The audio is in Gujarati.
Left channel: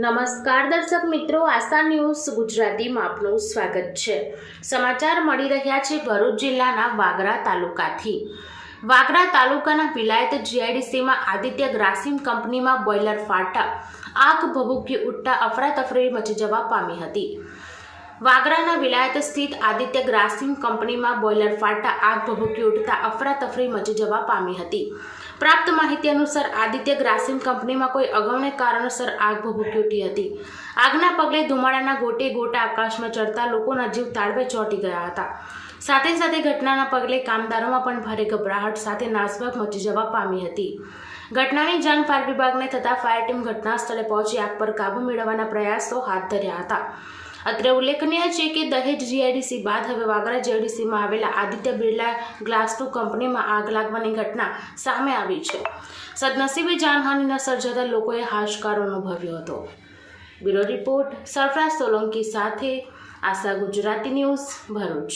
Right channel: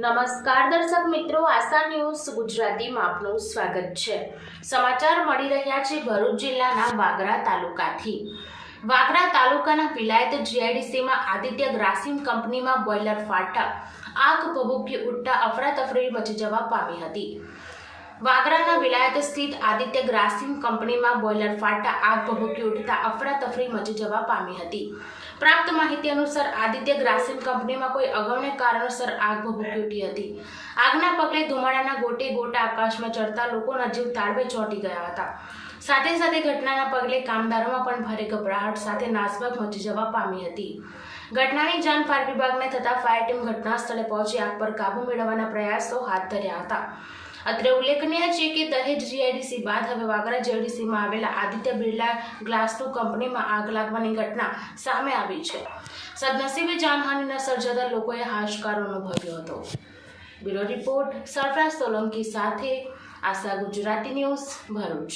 નમસ્કાર દર્શક મિત્રો, આશા ન્યૂઝ ગુજરાતીમાં આપનું સ્વાગત છે. સમાચાર મળી રહ્યા છે ભરૂચ જિલ્લાના વાગરા તાલુકાથી. વાગરા તાલુકાના વિલાયત જીઆઈડીસીમાં આદિત્ય ગ્રાસિમ કંપનીમાં બોઇલર ફાટા આગ ભભૂકી ઉઠતા અફરાતફરી મચી જવા પામી હતી. વાગરાના વિલાયત સ્થિત આદિત્ય ગ્રાસિમ કંપનીમાં બોઇલર ફાટતા આગ ભભૂકી ઉઠતા અફરાતફરી મચી જવા પામી હતી. પ્રાપ્ત માહિતી અનુસાર આદિત્ય ગ્રાસિમ કંપનીમાં કોઈ અગમ્ય કારણસર આગ ભભૂકી ઉઠી હતી. આગના પગલે ધુમાડાના ગોટે ગોટા આકાશમાં ચડતા લોકોના જીવ તાળવે ચોંટી ગયા હતા. સાથે સાથે ઘટનાના પગલે કામદારોમાં પણ ભારે ગભરાહટ સાથે નાસભાગ મચી જવા પામી હતી. ઘટનાની જાણ ફાયર વિભાગને થતાં ફાયર ટીમ ઘટના સ્થળે પહોંચી આગ પર કાબૂ મેળવવાના પ્રયાસો હાથ ધર્યા હતા. અત્રે ઉલ્લેખનીય છે કે દહેજ જીઆઈડીસી બાદ હવે વાગરા જીઆઈડીસીમાં આવેલા આદિત્ય બિરલા ગ્લાસ ટુ કંપનીમાં આગ લાગવાની ઘટના સામે આવી છે. સદનસીબે જાનહાનીના સર્જાતા લોકોએ હાશકારો અનુભવ્યો હતો. બ્યુરો રિપોર્ટ સરફરાજ સોલંકી સાથે આશા ગુજરાતી ન્યૂઝ ભરૂચ.